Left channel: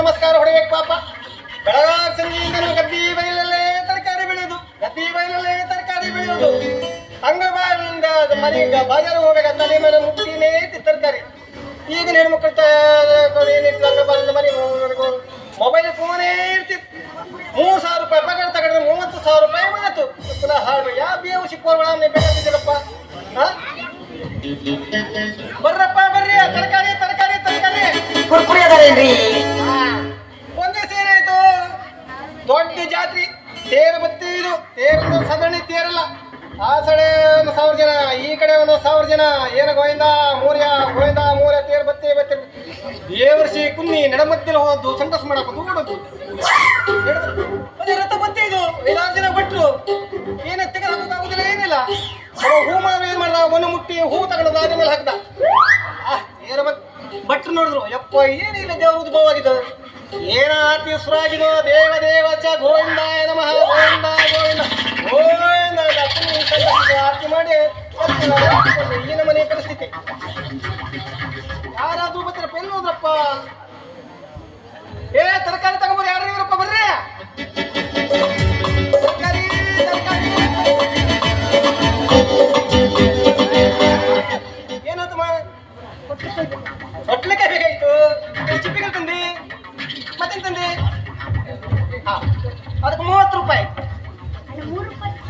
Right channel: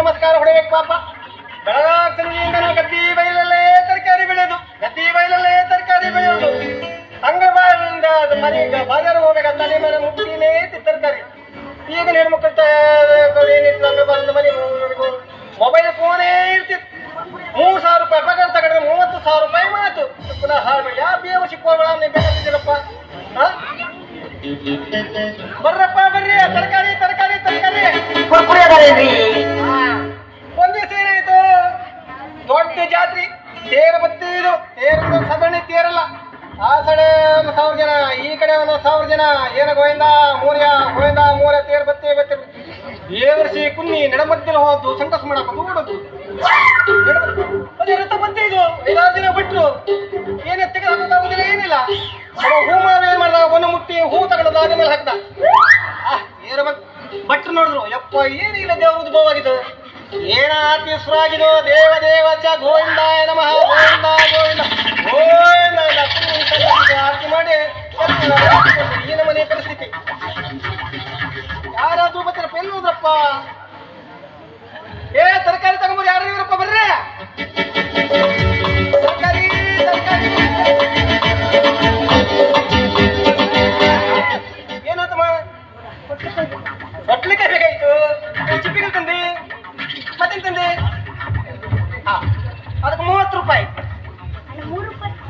ನಮಸ್ಕಾರ ಹೊಡಿಬೇಕು ಪಾಪ. ಗದ್ದಿ ಬೈಲಲ್ಲೇ ತರಕಾರಿ ಬೆಳೆಯೋದು ಗದ್ದಿ ಬೈಲಲ್ಲೇ ತರಕಾರಿ ಬೆಳೆಯೋದು. ಹಂಗ ಬಾಯಿಂದ ಬಜಾರ್ ಹೋಗ್ಬೇಕಂತ ತಲೆ ಮೇಲೆ ಮುಟ್ಟಿನೇ ತರಕಾರಿ. ಈಗ ಹೆಣ್ಮಕ್ಳು ಮೊಬೈಲ್ ಫೋನೇ ಇರ್ತಿತ್ತು ಮೂರು ಸಾವಿರ ರೂಪಾಯಿ ಪಗಾರ ತಗೊಂಡ್ರೆ ಮೂವತ್ತು ಸಾವಿರ ರೂಪಾಯಿ ಮಾತು. ಪುನಃ ಹಾಡು ಯಾವ ಬೇವು ಸಿಕ್ಕೋಗಳನ್ನ ಬೇಕಾಗಿದ್ದೀರಪ್ಪ ಬರ್ರಪ್ಪ, ಬರ್ರಿ. ತರಕಾರಿ ತರಕಾರಿ ತರಕಾರಿ. ಕುರ್ಕುರಿ ಅದಾರೇನ್ರಿ? ದೊಡ್ಡ ಜಾತ್ರೆ, ತೇರು ಬತ್ತಿ ಇದು, ತೇರು ಸಗಣಿ ತೇರಲ್ಲ. ಆ ಸಡೆ ಒಂದು ಸಾವಿರ ಜನ, ಈ ಕಡೆ ಒಂದು ಸಾವಿರ ಜನ, ಏನ ಗೋವಿಂದ, ಮೂರ್ಯ, ಗೋವಿಂದ ಮೂರ ತೇರು ಬತ್ತಿ ಬತ್ತಿ ಏ ವರ್ಷಿ ಕುನ್ನಿ ನಡಮತ್ತಿನ ಹೋದ್ದು ಸಂತಸ ಮಾಡಕ್ಕೆ ಅದೇ ರಥ ಬಂತೆ ಇದು ಐದಾರು ಜನ ಬಿಟ್ರು. ಏನೇ ತೆಗೆದಾಕೋಕ್ಕಾಗುದಿಲ್ಲ ಏನಿಲ್ಲ. ಹೂ ಮಾವ ಏನ್ ಮಾಡ್ದ ಒಂದು ಮುಟ್ಟಿ ಹೂ ತಗೊಂಡು ಅದ ಮೇಲೆ ಹಾಕ್ದ. ಏನ ಬತ್ ಭಟ್ರು ನೋಡಿದ್ರು, ಯಪ್ಪ, ಏನಿಲ್ಲ ದೇವ್ರ ಉದ್ಭವ ಆಗಿದ್ದು ಏನ ಆರ್ತಿ ಸುರಾಗಿದು ದೇವ ದೇವ ಚ ಗೋವಿಂದಾಯ ನಮಃ. ಹಾ ಅದಕ್ಕೆ ಮೂವತ್ತು ರೂಪಾಯಿ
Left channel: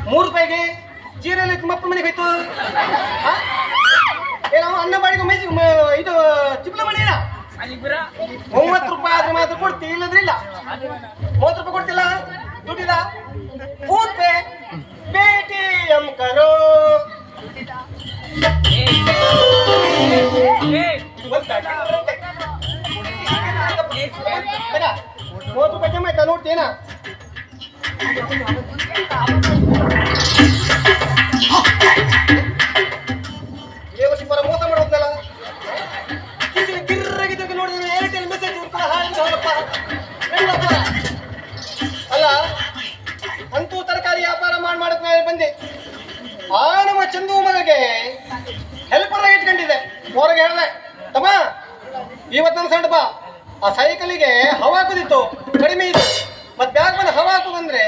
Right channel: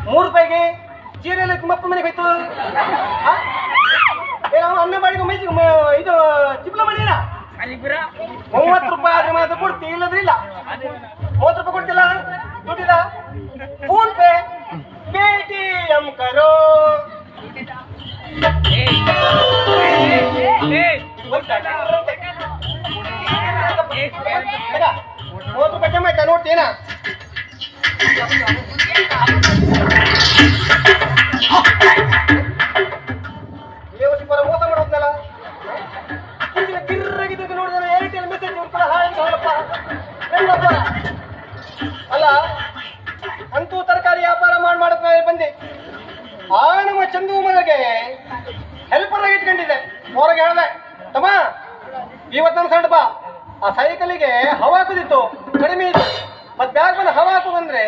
ಮೂರು ರೂಪಾಯಿಗೆ ಜೀರಲ್ಲಿ ತುಂಬಪ್ಪ ಮನೆಗೆ ಹೋಯ್ತು ಅನ್ನ ಬಾಡಿಗೆ ಮೇಜಿ ಇದು ಚಿಪ್ಲ ಮಣಿನ ಮೂವತ್ತು ರೂಪಾಯಿ ಆದ್ರೆ ಮಾತ್ರ ಕೊಡ್ತಿ ಇಲ್ಲದ್ರೆ ಇಲ್ಲ ಮೂವತ್ತು ರೂಪಾಯಿ ಕೊಡ್ತಿಲ್ಲ ದುಡ್ಡಿದ ಫೋನ್ ಪೇ ಪೇಟಿಎಂ ಕರೋ ಮೂವತ್ತು ಜಮಾ ಆಯ್ತಾ ನೋಡ್ತೀನ ದೇವಸಿ ಪರ ಮೋಸ ಮಾಡುತ್ತಲ್ಲ ಇಲ್ಲಿ ಕಿರ್ರಗಿದ್ದಕ್ಕೆ ನೋಡಿದ್ರೆ ಏರ್ಟೆಲ್ ಮೆಸೇಜ್ ಇರ್ತಾರೆ ಹಾಯ್ ನೋಡಪ್ಪ ಹೆಣ್ಣಪ್ಪ ಅಲ್ಲ ಅಂತೂ ತರಕಾರಿ ವ್ಯಾಪಾರ ಮಾಡಿ ಬಂದೆ ಆ ನಮ್ಮ ಚಂದು ಮಗಗೆ ಹೆಲ್ಪರ್ ಆಗಿ ಇಟ್ಕೊಂಡಿದ್ದೆ ಹೊರಗೆ ಹೇಳ್ದೆ, ತಮ್ಮ ಸಣ್ಣ ಬಾ. ಆ ಸೈಕಲಿಗೆ ಹವಾ ಹಾಕುದಿತ್ತು ಕಡಿಮೆ ಇತ್ತು. ಮತ್ತೆ ಬ್ಯಾಗ್ ಹವಾ ಹಾಕು ಬಂದ್ರೆ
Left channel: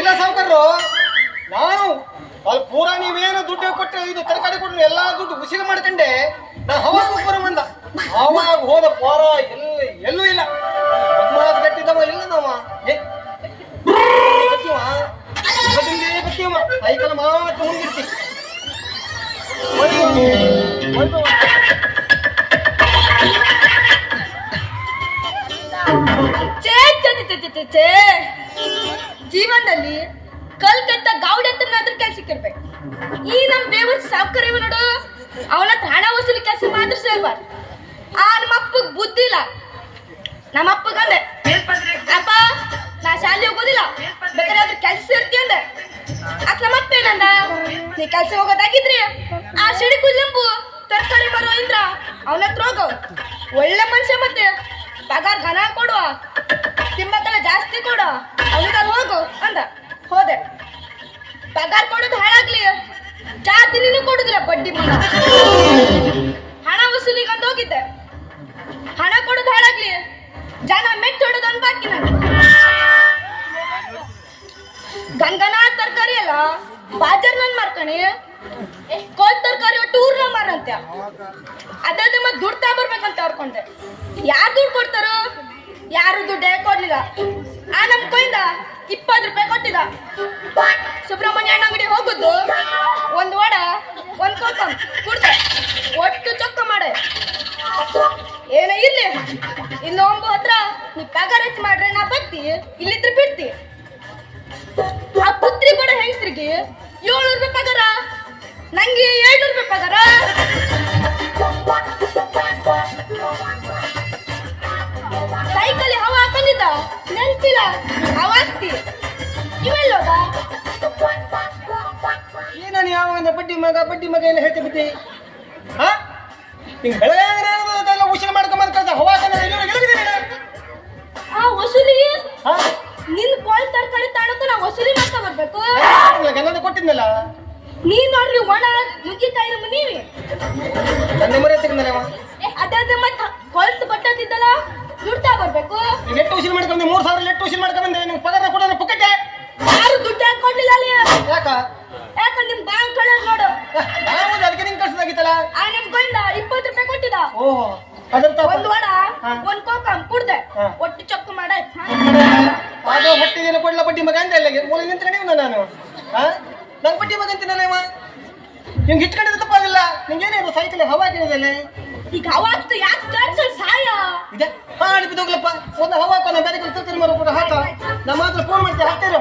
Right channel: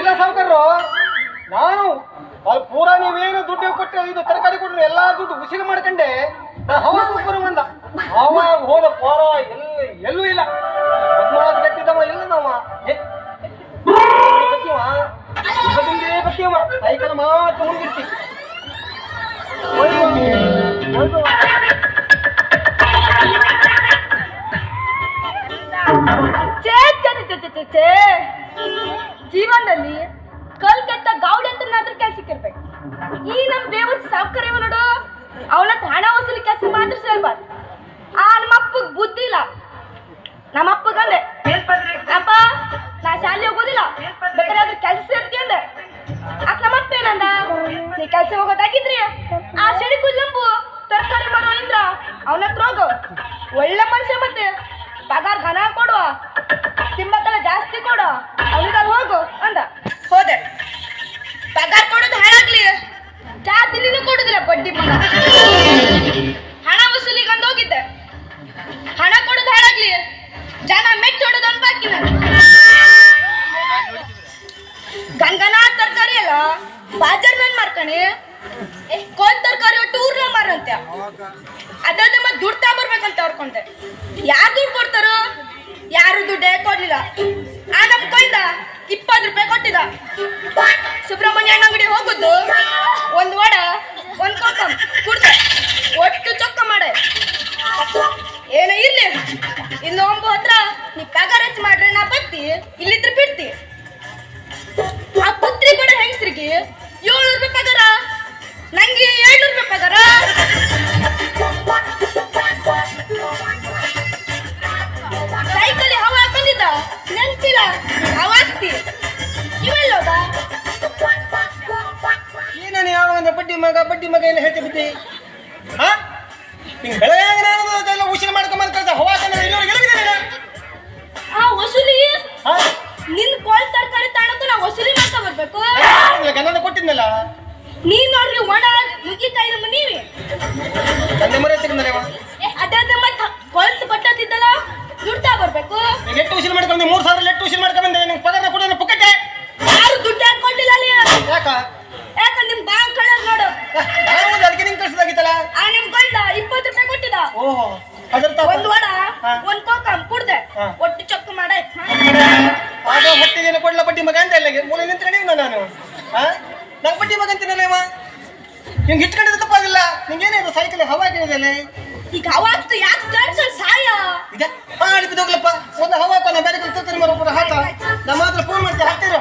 ಇಲ್ಲ ಸಾವುಕಾರರು ನಾನು ಅಲ್ಲಿ ಪೂರಾ ನೀವೇನು ದುಡ್ಡು ಕೊಟ್ಟು ಇದು ತರಕಾರಿ ಕೊಟ್ಟರೆ ಎಲ್ಲಾ ದುಡ್ಡು ಉಸಿರು ಮಾಡ್ಕೊಂಡೆ, ನಾ ಹವಾ ಬರೋ ಬಂದ ಅವಾಗ ಹೋದ ಪೋರ ಎಲ್ಲ, ಎಲ್ಲೂ ಇಲ್ಲ. ಬದ್ಮಾಸ್ ಕಟ್ಟಿದವ ಇಲ್ಲ ನಾವ. ಸೈಕಲ್ ಮಾತ್ರ ಹೋಗಿರ್ತೀವಿ ಛೇ, ಛೇ. ಜೀವನದಲ್ಲಿ ಕಲ್ಕತ್ತ ಗೌಡ ಅಂತ ಕೆಲ್ಸಕ್ಕಿರ್ಬೇಕು ಈ ನಮ್ ದೇವ್ರ ಸಾವುಕಾರ ನೋಡು. ಅವನ ಹಣ ವಸೂಲಿ ಕೆಲಸ ಮಾತ್ರ ಸೇರ್ಬಾರ್ದು. ಆ ನಮ್ಮ ಅಪ್ಪಗ್ ಬುದ್ಧಿ ಇಲ್ಲ. ನಮ್ಮ ಅಪ್ಪಗಂದೆ ಅಪ್ಪ ನಾ ಶಾಲೆ ಹೋಗೋದಿಲ್ಲ. ಬೇಕಾದ್ರೆ ಅದ್ರ ಕೆಲ್ಸ ಸೇರ್ತಿ ಅಂದೆ. ಅಕ್ ನಮ್ಮ ಅಪ್ಪ ಏನಂದ ನೀ ಕೆಲ್ಸ ಹೋಗೋದಾಗಿದ್ರಿ ಆ ಸಿಡಿ ಕುಲ್ಲಂಬು ತರಕಾರಿ ಮಾರೋ ಇಂದ್ರ. ಅವನ ಹತ್ರ ಹೋಗು. ಒಳ್ಳೆ ಮನುಷ್ಯ ಮತ್ತೆ. ಪಗಾರ ಘನ ಕೊಡು. ತಿಂಬತ್ತಲ್ಲ ಜಾಸ್ತಿ ಕೊಡು. ಅವನಿಗೆ ಅಲ್ಲಿ ಹೋಗು ಅಂದ. ಹೋದೆ. ಪಗಾರ ಕೊಡೋದು ಹೇಳಾಗ್ಲಿ. ಚಾ ಕೊಡುದಿಲ್ಲ ಬಡ್ಡಿ ಮಗ. ಹಣ ವಸೂಲಿಗೆ ಅಂದ ಹೋಗಿದ್ದೆ. ಹಣ ಕೊಡೋದು ಹೇಳಾಗ್ಲಿ. ಜನ ಮೆಟ್ಟಿ ಹೊಡೋದು ಅಂತ ಬಾಕಿ ಗಂಗನಾ ತರಕಾರಿ ಅಲ್ಲ? ಬಾಜರ್ ನನ್ ಮಾರ್ಕಣಿ ಕೋಲ್ ತರಕಾರಿ ಟೂರ್ ಮಾರಂತೆ ಅದಾದ ಮತ್ತೆ ದುಡ್ಡು ತಗೊಬರ್ಬೇಕಂತ ಅವ್ರಕೊಂಡೆ ಯಾರು ದುಡ್ಡು ಕೊಡ್ತಾರೋ, ಯಾರು ದುಡ್ಡೇ ಕೊಡ್ಲಿಲ್ಲ. ಆ ನಮ್ ಕೈಯಿಂದ ಇಪ್ಪತ್ತು ರೂಪಾಯಿ ಕೊಟ್ಟಿದ. ಸುಬ್ರಹ್ಮಣ್ಯ ಅಂಗಡಿ ಹೋಗುದು, ಒಂದ್ ವಡ, ಒಂದ್ ಕೋಕ ಕುಡ್ತ. ಒಟ್ಟು ಚೊಕ್ಕ ಮಾಡೆ. ಏನೇ ಇರ್ಲಿ, ಇನ್ನೊಂದು ಹತ್ರ ನೀ ಹೆಚ್ಚು ಮಾಡ್ರೆ ನಾ ಬತ್ತಿ, ಇಲ್ಲಿದ್ರೆ ಬಿಡ್ತಿ. ಮಗ ಬಡ್ಡಿ ಮಗ ಎಲ್ಲ ಹೇಳ್ತಿ ಬಿದ್ದಿ ಹಾ? ಬೆಳಗಾಗ ಅದೆಲ್ಲ ಉಸಿರು ಮಾಡ್ಕೊಂಬಂದ್ ಕಳ್ಸ. ಆ ವಸೂಲಿ ಹಾ? ನಿನ್ ಕೋಲ್ ತರಕಾರಿ ನಾ ವಸೂಲಿ ಮಾಡ್ಕೊಂಡ್ ಬರ್ಬೇಕು. ಕೊಟ್ಟಿದ್ನಲ್ಲ? ನೀ ನೋಡ್ರಿ ಒಣ ನುಗ್ಗಿಕಾಯಿ ನಮ್ಮ ನೀವಿ ಮರಿ ಮತ್ತ ದುಡ್ತಾ ಬರ್ಬೇಕು. ಎಷ್ಟು ಉಸಿರು ಮಾಡ್ಕೊಂಡೆ ಮೂರು ಸಾವಿರ ಎಷ್ಟು ಉಸಿರು ಮಾಡ್ಕೊಂಡೆ ನಿಂಗೆ ಪಗಾರ ಕೊಡೋಣ ಪುಕ್ಕಟ್ಟೆ ಯಾರು ದುಡ್ಡು ಹಾಕೊಂಡಿಲ್ಲ ಅಲ್ಲಿ ಯಾಕ ಯಾಕಂದ್ರೆ ನಿಮ್ ಬ್ಯಾಂಕ್ ಕಳ್ಳ ನೋಡು ನಾನು ಅದಕ್ಕೆ ನಿಂಗೆ ಕಳ್ಸದಾಗಿತ್ತಲ್ಲ ಆ ನಿಮ್ ಗಂಡ ಇಪ್ಪತ್ತು ರೂಪಾಯಿ ಕೊಟ್ಟಿದ ಓಹೋ ಅದ್ರ ತಪ್ಪ ಒಂದ್ ಹಾ. ಒಂದ್ ಕೋಕ ಕುಡ್ದೆ. ಹಾ. ಒಟ್ಟು ಚಪ್ಪು ಮಾಡಾಯ್ ಅದು ಹೊಟ್ಟಿದೇನೆ ಕೊಡ್ಲ ಬಡ್ಡಿ ಮಗ ಅಂತ ಇಲ್ಲ. ಮೂಲೆ ನಿಂತ್ರೆ ನೀವು ನಾನು. ಹಾ? ನಂಗೆ ಬಡ್ಡಿ ಮಗ ಅಂತೀನಲ್ಲೇವ ನಿಂಗೆ ಇಟ್ಕೊಂಡಿದ್ದು ತಪ್ಪಾಗಿಲ್ಲ. ನಿಂಗೇನೇನು ಸೈಕಲ್ ಹವಾ ಕೇಳಿದ್ದೇನೆ ಈಗ ಅವಾಗ್ತು ಯಾಕೆ ಸ್ಟಾರ್ಟ್ ಸಾಯ? ಇದೆ. ಮಾಡಿ ಒಂದು ಹವಾ ಹಾಕೋ ನಾ ಬೇರೆ ಕಡೆ ತರ್ತೀನಿ ಮರ ಹಾಕ. ನಮ್ಮ ಹತ್ರ ಫೋನ್ ಮಾಡ್ತೀನಿ ಹಾಕ್ತೀರ?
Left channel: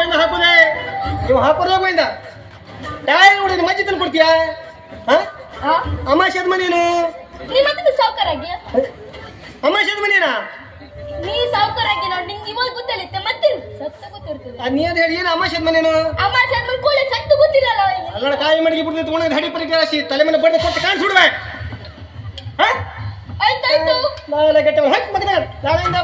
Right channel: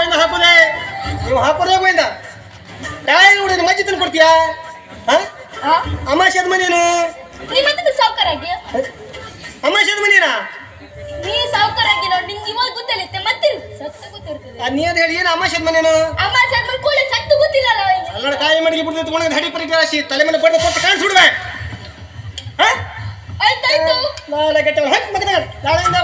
ಗೋವಿಂದ ಹಾಕುದೇ ನೀವು ಹಾಕೋದೇ ಗೋವಿಂದ ಟೈರ್ ಹುಡುಗ ಮಜ್ಜಿ ತಂದು ಕೊಡ್ತೀಯಾ? ಅಮಾಶದ ಮನೇನು ಸಾವುಕಾರಾಗಿ? ಅಮಾಶದ ಮನೇನಾ ನೀ ಸಾವುಕಾರಾಗಿ ನೋಡಿ ನಿಂಗೆ ಇವಾಗ ಗೊತ್ತಿಲ್ಲತ್ತೆ ಮತ್ತೆ ಸತ್ತ ಗೊತ್ತಿರ್ತದೆ. ನೀ ಅದ್ ಹೇಳಿ ಏನು ಅಮಾಶದ ಮನೇನು ಜನ್ಮ ಕೂಳೆ ಸತ್ತು ಗೊತ್ತಿಲ್ಲಲ್ಲ ಅಲ್ಲಡ ಕಾಯಿ ಮಡಿಗೆ ಬಿಡ್ದು ತಗೊಂಡು ಹಡಿ ಪರಿ ರಾಶಿ ತಲೆ ಮೇಲೆ ಬಡ್ದು ಕೊಟ್ಟು ಕಾಣಿಸ್ಬಿಡ್ವೆ ಆಯ್ತಾಯ್ತು. ನಾಳೆ ಗಟ್ಟೆ ಹಟ್ ಮಗನ ನಾಳೆಯಿಂದ